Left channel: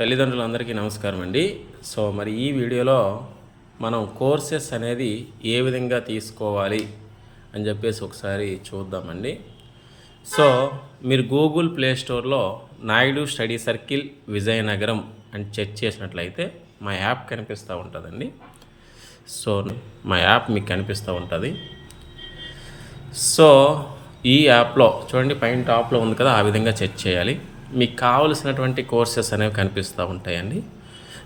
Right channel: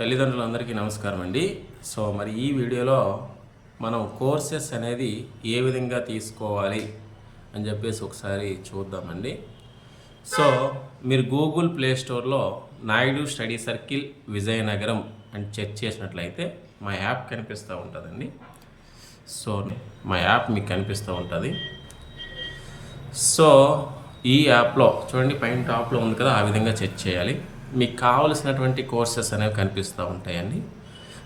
తల్లిదండ్రులందరికీ నమస్కారం అండి సో మరి ఈ వీడియోలో మనం కోర్సెస్ అనేది ఏ విధంగా తీసుకోవాలి అని చెప్పేసి ఒకసారి చూద్దామండి. సో మీరు గూగుల్ ప్లే స్టోర్లో నాయుడు స్టడీ సర్కిల్ విజయనగరం అని చెక్ చేసినట్లయితే మా యాప్ కనిపిస్తూ ఉంటుందండి. సో మా యాప్ మీకు కనిపిస్తూ ఉంటుంది. సో ఈ యాప్లో చూడండి పైన టాప్లో ఉంది కదా ఆ విధంగా చెక్ చేయాలి. మీకు కావలసినటువంటి కోర్సెస్ అనేవి కనిపిస్తూ ఉంటాయండి.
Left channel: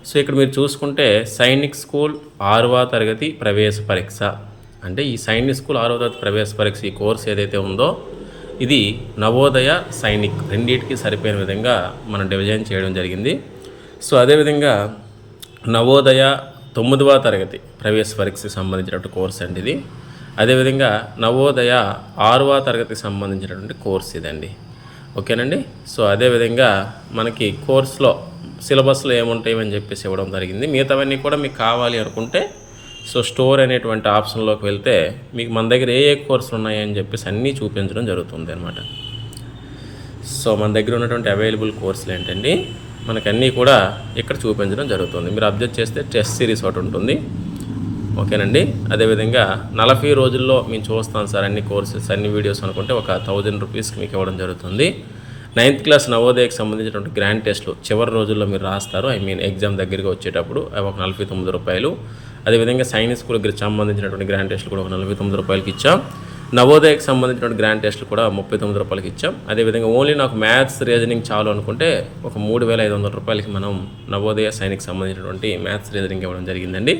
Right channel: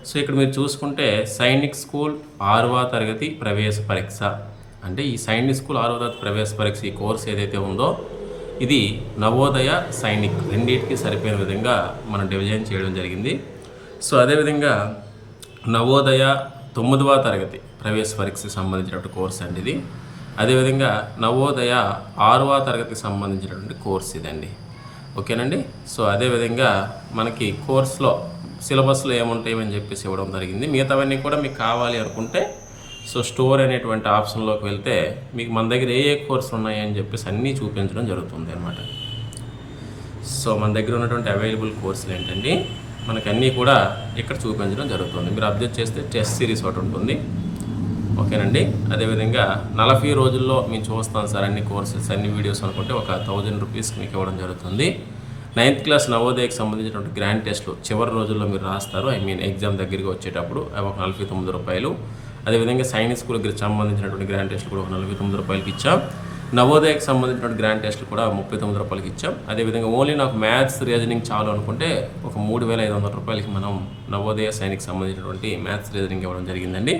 సో ఇక్కడ మీరు చూసుకుంటే సైనిక్ స్కూల్ ఆరవ తరగతి ప్రవేశ పరీక్ష. అంటే ఈ సైనిక్ స్కూల్ ఆరవ తరగతి ప్రవేశ పరీక్ష ఈ కోర్స్ ఏదైతే ఉందో ఇది నవోదయ సైనిక్ రెండింటికి సరిపోయిన విధంగా మనం డివిజన్ చేయడం జరిగింది. సో అదేవిధంగా నవోదయ తొమ్మిదవ తరగతి ప్రవేశ పరీక్షకి సంబంధించినటువంటి కోర్స్ అండి ఇది. అదేవిధంగా నవోదయ ఆరవ తరగతికి సంబంధించినటువంటి కోర్స్ ఇదండి. ఓకేనండి? సో అదేవిధంగా మనకి కోర్స్లో సిలబస్లో ఏముంటాయి అని చెప్పేసి ఇవ్వడం జరిగింది. మిగతావన్నీ కూడా మీకు కావాలి అనుకుంటే సో స్టోర్ అనేటువంటి ఆప్షన్లోకి వెళ్తే మీకు మన దగ్గర ఏ ఏ కోర్సులు ఉన్నాయని చెప్పేసి అన్నీ చూపించడం జరుగుతుంది అనమాట సో మన దగ్గర ఉన్నటువంటి అవైలబుల్ కోర్సులు ఏంటండి? మనకు అన్నీ కూడా ఇక్కడ చూపించడం జరుగుతుంది. మీరు అబ్జర్వ్ చేస్తే టెస్ట్ సిరీస్ ఒకటి ఉంటుంది. ఓకేనండి? అదేవిధంగా నలభై రోజుల్లో మేము చూస్తాం సార్ అన్ని కోర్సెస్ అన్ని వీడియోస్ అనుకుంటే ఒక థౌజండ్ రూపీస్కి మీకు ఇవ్వడం జరుగుతుంది. నైన్త్ క్లాస్ నవోదయకి సంబంధించినటువంటి గ్రాండ్ టెస్ట్లు చివరి రోజుల్లో మీరు రాస్తారు. ఐ మీన్ ఎగ్జామ్ దగ్గరికి వచ్చేటప్పుడు అవి ఒక నలభై తొమ్మిది రూపాయలు. అదేవిధంగా సైన్స్ స్కూల్కి సంబంధించినటువంటి గ్రాండ్ టెస్ట్లు కూడా ఒక నలభై తొమ్మిది రూపాయలకి ఇచ్చాం. నవోదయకి సంబంధించినటువంటి గ్రాండ్ టెస్ట్లు కూడా ముప్పై తొమ్మిది రూపాయలకి ఇచ్చాం. అదేవిధంగా ఓన్లీ నాకు మ్యాథ్స్ రీజనింగ్ చాలు అనుకుంటే ఒక మూడు వేల ఐదు వందల రూపాయలకి మనం నవోదయ సైనిక్ సంబంధించినటువంటి మ్యాథ్స్ రీజనింగ్ ఇవ్వడం జరిగిందండి.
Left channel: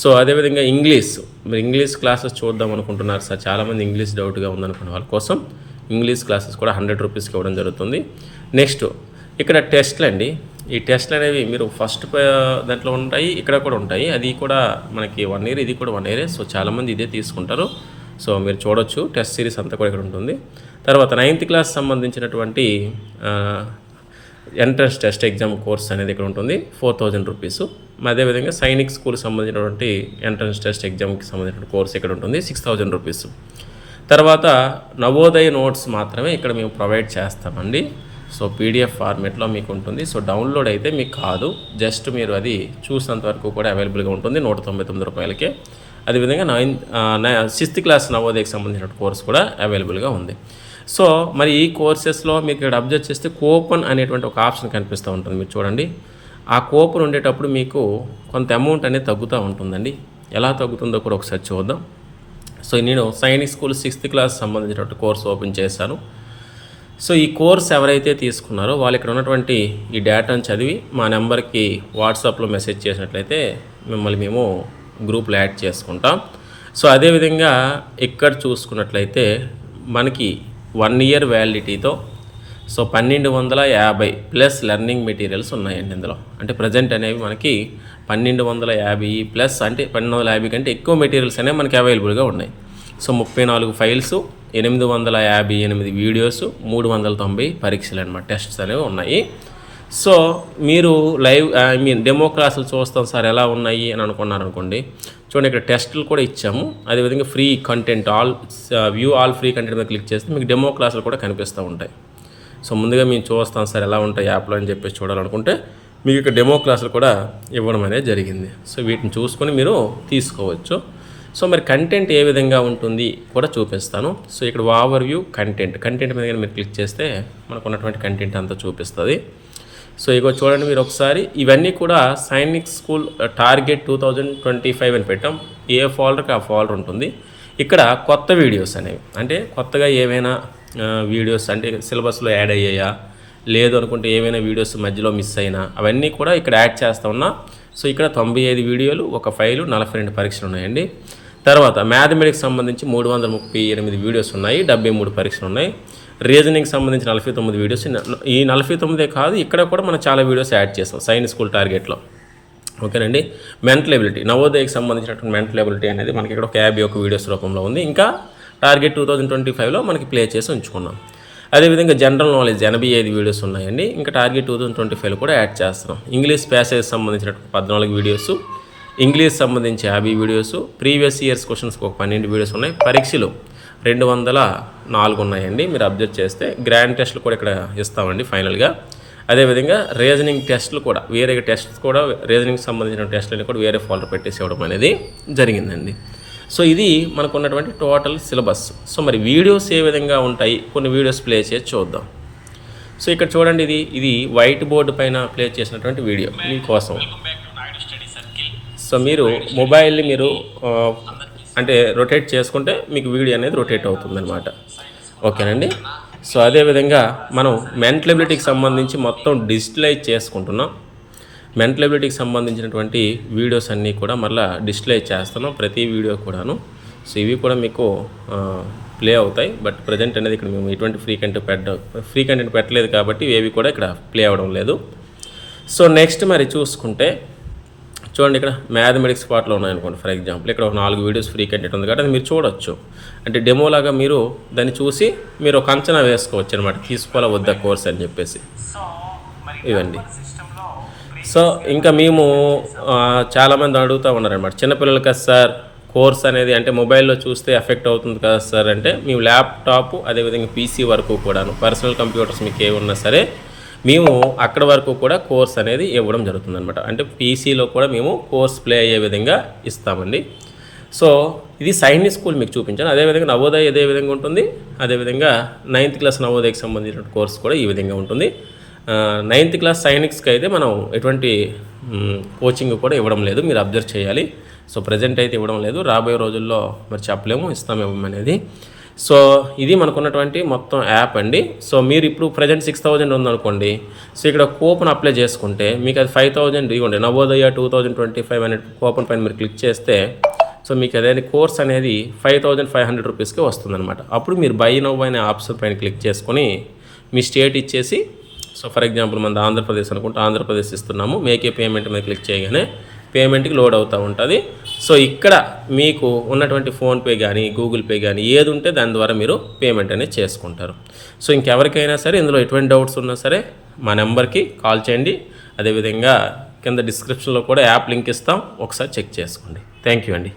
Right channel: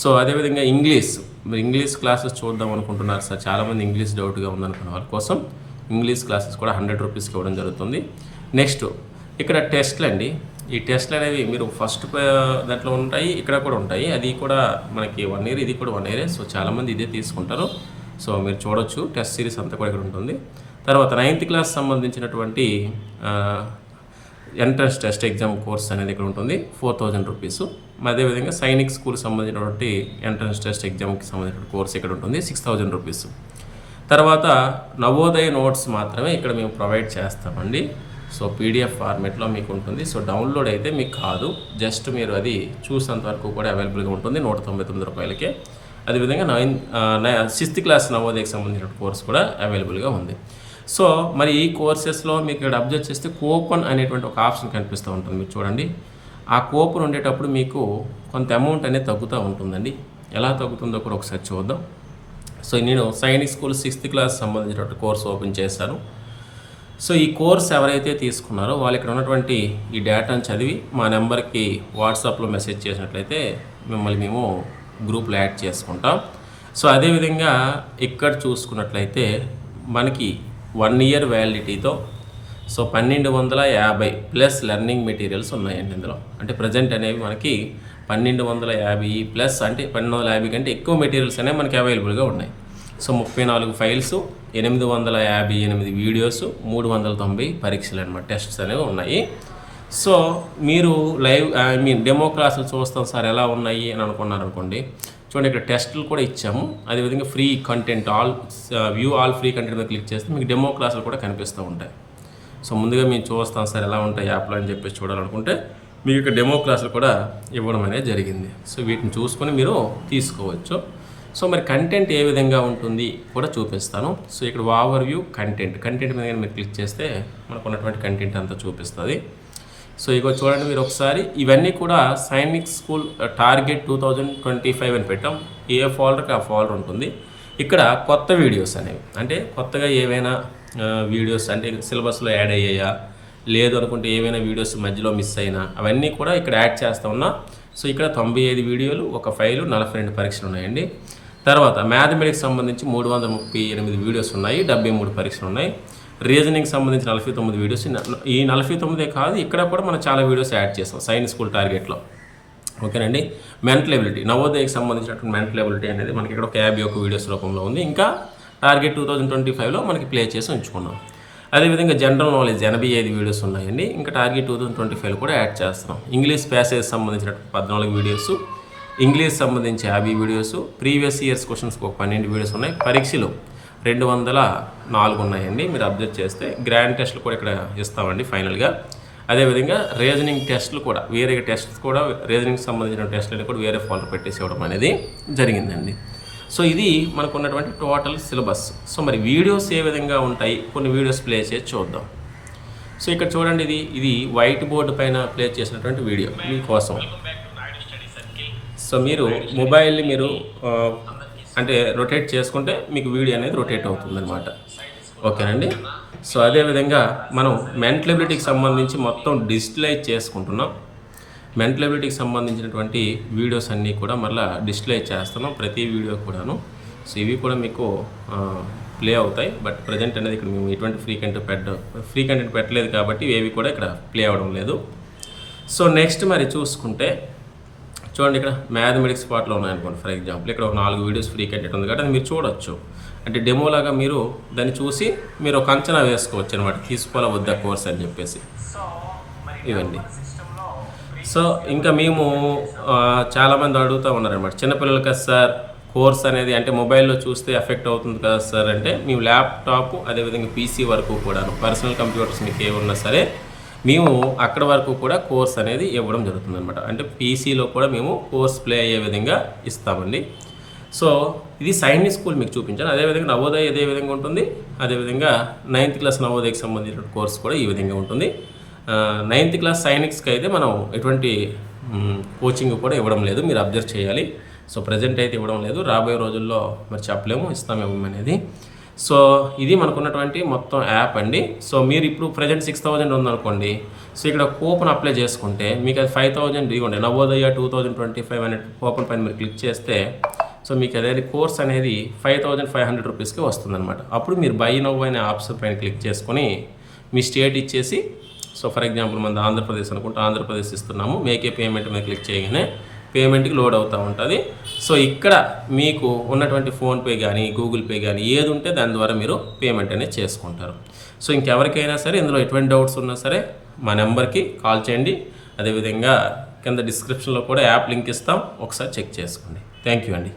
సో అదేవిధంగా ఇంగ్లీష్ మీరు ఇంగ్లీష్ క్లాసెస్ చూద్దాం అనుకుంటున్నారు సార్. చాలామంది ఇంగ్లీష్ డౌట్గా ఉందనుకున్న వాళ్ళ కోసం ఇంగ్లీష్ క్లాసెస్ కూడా హండ్రెడ్ రూపీస్కి ఇవ్వడం జరుగుతుంది. నెక్స్ట్ ఇక్కడ టెస్ట్లు అండి. ఈ టెస్ట్లు అనేవి మీరు ఫస్ట్ దాంట్లో ఉంటాయి ఇక్కడ కూడా ఉంటాయి. అది కూడా మనకి వన్ ఇయర్ ఇది కూడా వన్ ఇయరే. సో చాలామంది ఇదే తీసుకుంటారు. సో మీరు చూడొచ్చు టెస్ట్ సిరీస్ అంతా కూడా ఇక్కడ ఉంటుంది. తర్వాత నైన్త్ క్లాస్ సంబంధించినటువంటి ఎంట్రన్స్ టెస్ట్ ఎగ్జామ్ కోర్స్ అనేది ఇక్కడ ఉంటుంది ఫోర్ థౌజండ్ రూపీస్. అదేవిధంగా సైనిక్ స్కూల్ సంబంధించినటువంటి ఎంట్రన్స్ టెస్ట్ ఎగ్జామ్కి సంబంధించిన కోర్స్ ఇక్కడ ఉంటుంది సిక్స్ థౌజండ్ రూపీస్. తర్వాత నవోదయ నోట్స్ మాత్రమే ఇక్కడ మేము ప్రొవైడ్ చేస్తామండి. సో పీడిఎఫ్ ఫార్మేట్లో మీకు ఉంటుంది. సో డౌన్లోడ్ అయితే మీకు కాదు. జస్ట్ మీరు అది చూసినంత వరకు కూడా అవైలబుల్గా ఉంటుంది నూట తొంభై తొమ్మిది రూపాయలకే. అదేవిధంగా నైన్ సిక్స్త్ క్లాస్ నవోదయకి సంబంధించిన కోర్స్ కూడా అవైలబుల్గా ఉంది. సో మరి ఈ కోర్సెస్లో మీకు ఇక్కడ అబ్జర్వ్ చేస్తే కూపన్ అనేటువంటి ఒక ఆప్షన్ కనిపిస్తూ ఉంటుంది. మీరు చూడండి. ఆ కూపన్ ఉండేటప్పుడు మీకు కొంత అమౌంట్ అనేది తగ్గుతూ ఉంటుందండి. ఎలా తగ్గుతుందో కూడా ఒకసారి చూద్దాం. సో నేను సైనిక్ స్కూల్ సిక్స్త్ క్లాస్ సంబంధించినటువంటి కోర్స్ ఓపెన్ చేశాను. సో ఈ కోర్స్ ఎవరైతే తీసుకున్నారో వాళ్ళు ఇక్కడ ఉన్నటువంటి ఈ డేటాను చదివి మా నెంబర్కి వాట్సాప్లో మెసేజ్ చేసినట్లయితే మిమ్మల్ని మేము గ్రూప్లో యాడ్ చేసుకుంటాం. సో అదేవిధంగా ఇక్కడ చూసుకున్నట్లయితే మనకి వన్ ఇయర్ వ్యాలిడిటీతో. సో పన్నెండు వందల యాభై ప్లస్ లెర్నింగ్ మెటీరియల్స్ ఉన్నాయండి ఇందులో. అంటే ప్రజెంట్ అనేవి మనకి పన్నెండు వందల యాభై ప్లస్ అంటే పన్నెండు వందల యాభై కంటే ఎక్కువ మెటీరియల్స్ అనేవి మనకి అవైలబుల్గా ఉన్నాయి. సో ముప్పై నాలుగు ఫైల్స్ ఎనిమిది వందల యాభై ఎనిమిది వీడియోస్ మూడు వందల తొంభై పరీక్షలు అనమాట టెస్ట్స్ అనేవి ఉన్నాయి. సో మీరు లైవ్ ఐ మీన్ డెమో క్లాసులు చూస్తాం సార్ ఎలా ఉన్నాయి అని అనుకున్నారు అనుకోండి చూడండి ఇక్కడ టెస్టులు కూడా ఇచ్చాము. అదేవిధంగా free content all view all free content మీద క్లిక్ చేస్తే మీకు డెమో క్లాసులు కూడా కనిపిస్తూ ఉంటాయి. సో ముందుగా మేము చూస్తాం సార్ ఎలా ఉంటాయి యాప్లో అని చెప్పేసి చూడాలనుకుంటే మీకు ఇక్కడ డెమో క్లాసులు కూడా ఇవ్వడం అనేది జరిగింది. సో వీటిని చూసుకొని మీరు తీసుకోవచ్చు. సో మరి కంటెంట్ ఏ విధంగా ఉంటుంది కూడా చూపిస్తాను. సో ఇక్కడ ఓవర్ వ్యూ కంటెంట్ కంటెంట్ మీద మీరు క్లిక్ చేస్తే మనకు ఉన్నటువంటి కంటెంట్ అంతా చూపిస్తుంది. సో ఇగో చూడండి మీరు ఒకసారి. ఇవన్నీ కూడా Sainik school target two thousand twenty five అని పెట్టాం. ఏ ఫోల్డర్కి ఆ ఫోల్డర్ ఉంటుంది. ఇక్కడ కొత్త వీడియోస్ అనేవి. అంటే కొత్తగా ఏవైనా వీడియోస్ అంటే సిలబస్లో యాడ్ అయ్యాయా? లేదు అనుకుంటే ఏవైనా వీడియోస్ మధ్యలో మిస్ అయినా? అవన్నీ కూడా ఇక్కడ యాడ్ చేస్తా ఉన్నా. సో ఇక్కడ తొంభై ఐదు వీడియోలు ఒక ఫైలు నలభై రెండు పరీక్షలు ఉన్నాయండి. తర్వాత మ్యాథమెటిక్స్ సంబంధించి మూడు వందల ముప్పై ఎనిమిది వీడియోస్ ఉన్నాయి. డెబ్బై మూడు పరీక్షలు ఉన్నాయి. రీజనింగ్ సంబంధించి నలభై తొమ్మిది వీడియోస్ ఈ నలభై తొమ్మిదే కాదు ఇక్కడ కూడా మనం చాలా వీడియోస్ యాడ్ చేస్తాం సైన్స్ స్కూల్ టార్గెట్లో ఓకేనండి? మెంటల్ ఎబిలిటీ నవోదయకి సంబంధించినటువంటి మెంటల్ ఎబిలిటీ అనేది మనకి ఇక్కడ ఒక యాభై ఒక వీడియోస్ రూపంలో ఉంది. ఇంకా టార్గెట్ టూ థౌజండ్ ట్వంటీ ఫైవ్లో మనకి ప్లే చేసి ఉంచుకున్నాం. అదేవిధంగా జనరల్ నాలెడ్జ్ ఎనభై ఐదు వీడియోస్ ఉన్నాయండి. ఇంకా target two thousand twenty five కూడా యాడ్ చేస్తున్నాం. ఇంగ్లీష్ ప్యాసేజ్ సంబంధించిన పద్నాలుగు వీడియోస్ ఇంగ్లీష్ సంబంధించి యాభై వీడియోస్ ప్రీవియస్ ఇయర్స్ క్వశ్చన్స్కి ఒక పన్నెండు వీడియోస్ ఉన్నాయి. పరీక్షలు రెండు వందల నాలుగు ఉన్నాయండి. మీరు అబ్జర్వ్ చేస్తే గ్రాండ్ టెస్ట్లు కూడా ఇక్కడ ఇస్తామండి ఫైనల్గా. అదేవిధంగా రీజనింగ్ టెస్ట్లు కూడా వేరే టెస్ట్స్ కూడా రీజనింగ్ సంబంధించిన టెస్ట్లని కూడా వేరే ఫోల్డర్ పెట్టేసి ఇవ్వడం అనేది జరిగిందండి. సో ఇది మనకు ఉన్నటువంటి టోటల్ సిలబస్ సో మరి వీడియోస్ ఏ విధంగా ఉంటాయి? కొన్ని వీడియోస్ ప్లే చేసి చూద్దాం. సో ఇక్కడ చూడండి ఇది ఇది వైట్ బోర్డు పైన ప్లే చేసినటువంటి వీడియో మీకోసం. సో మీరు మొబైల్ని మీరు అంటే రొటేట్ చేసుకుంటే మీకు వీడియో అనేది రొటేట్ అవుతుందన్నమాట. ఓకేనండి? సో అదేవిధంగా మనం మెంటలబిలిటీకి సంబంధించి మొత్తం డిజిటలైజ్ చేసుకుంటున్నాం. మెంటలబిలిటీకి సంబంధించినటువంటి వీడియోస్ అన్నీ కూడా మళ్ళీ డిస్ప్లే చేస్తున్నాం ప్రతి వీడియో కూడాను. సో ఇవి కూడా మీకు ప్లే అవుతాయి. బట్ ప్రజెంట్ అనేది ఇక్కడ మేము ఎటువంటి ఫ్రీ కంటెంట్ పెట్ట ఫ్రీ కంటెంట్ పెట్టలేదు కాబట్టి ఏవి కూడా ఇక్కడ ప్లే అవ్వడం లేదు. సో నెక్స్ట్ మరి చూసుకుంటే చూడండి ఇక్కడ మ్యాథమెటిక్స్ పార్ట్లో ఉన్నాయనుకోండి ఫర్ ఎగ్జాంపుల్. ఇక్కడ ఒక నాలుగు వీడియోస్ ఫ్రీ కంటెంట్ ఉంది కాబట్టి మీరు చూడొచ్చు. అంటే డెమోలాగా మీరు దాన్ని చూసి మీరు ఒక అంచనా వేసుకోవచ్చు అనమాట తీసుకోవాలా వద్దా కోర్స్ అని చెప్పేసి. ఇవండి సో ఇంకా మేము చాలామంది అడుగుతూ ఉన్నారనమాట చిన్నపిల్లలు కదా సార్ కోర్స్ అనేది అంటే మొబైల్లో చూస్తే ఎఫెక్ట్ అవుతుంది కదా సార్ అంటే మేము ల్యాప్టాప్ అదేవిధంగా పీసీ వరకు కూడాను పర్సనల్ కంప్యూటర్స్ మీకు ఏమున్నా సరే మేము అక్కడ వరకు కూడా కోర్స్ అనేది ఇవ్వడం జరుగుతుంది అనమాట అంటే పీసీలో కూడా మేము కోర్స్ ప్లే అయ్యే విధంగా ఇస్తామండి. సో ఇది సైనిక్ స్కూల్ మీకు చూపించాను. అదేవిధంగా నవోదయ ఇదే విధంగా ఉంటుంది. అదేవిధంగా నైన్త్ క్లాస్ నవోదయకి సంబంధించిన కోర్స్ కూడా ఈ విధంగా ఉంటుంది. నైన్త్ క్లాస్ సైనిక్స్కి అయితే మనం ఎటువంటి కోచింగ్ కూడా ఇవ్వడం లేదు. మీరు అబ్జర్వ్ చేయాలి. సో ప్రజెంట్ అయితే ఇవ్వడం లేదు. రాబోయే రోజుల్లో మరి చెప్పలేము. ఇస్తామేమో అనేది. సో ఇది మనకున్నటువంటి మొత్తం యాప్ అండి. సో మీరు ఇప్పుడు ప్రజెంట్ సిక్స్ థౌజండ్ ఉందనుకోండి. సో ఇక్కడ కూపన్ అప్లై చేసుకుంటే మీకు అది ఫైవ్ థౌజండ్ ఇవ్వండి. Navodaya two thousand twenty five అనే కూపన్ పైన మీరు క్లిక్ చేస్తే సో మీకు అదే కోర్స్ అనేది ఫైవ్ థౌజండ్ ఫైవ్ హండ్రెడ్ రూపీస్కి వస్తుందన్నమాట. అప్పుడు మీరు బై నవ్ అనే ఆప్షన్ పైన క్లిక్ చేసుకొని మీ స్టేట్ ఇచ్చేసి సో ఫర్ ఎగ్జాంపుల్ మన ఆంధ్రప్రదేశ్ అనుకుంటే ఆంధ్రప్రదేశ్ ఇస్తున్నాము. మేకే పేమెంట్ మీద క్లిక్ చేయగానే పేమెంట్కి లోడ్ అవుతూ ఉంటుంది. సో ఇక్కడ మీకు ఉన్నటువంటి ఫోన్పే కానీ గూగుల్ పే కానీ ఏది ఉంటే దాని ద్వారా మీరు పేమెంట్ అనేది చేసుకుంటారు. సో ఇంకెవరికైనా సరే ఇందులో ఎటువంటి డౌట్స్ ఉన్నా సరే మా నెంబర్కి కాల్ చేయండి. అదేవిధంగా కింద డిస్క్రిప్షన్లో కూడా యాప్ లింక్ ఇస్తాం. ఒకసారి చెక్ చేసుకోండి. థ్యాంక్ యూ అండి.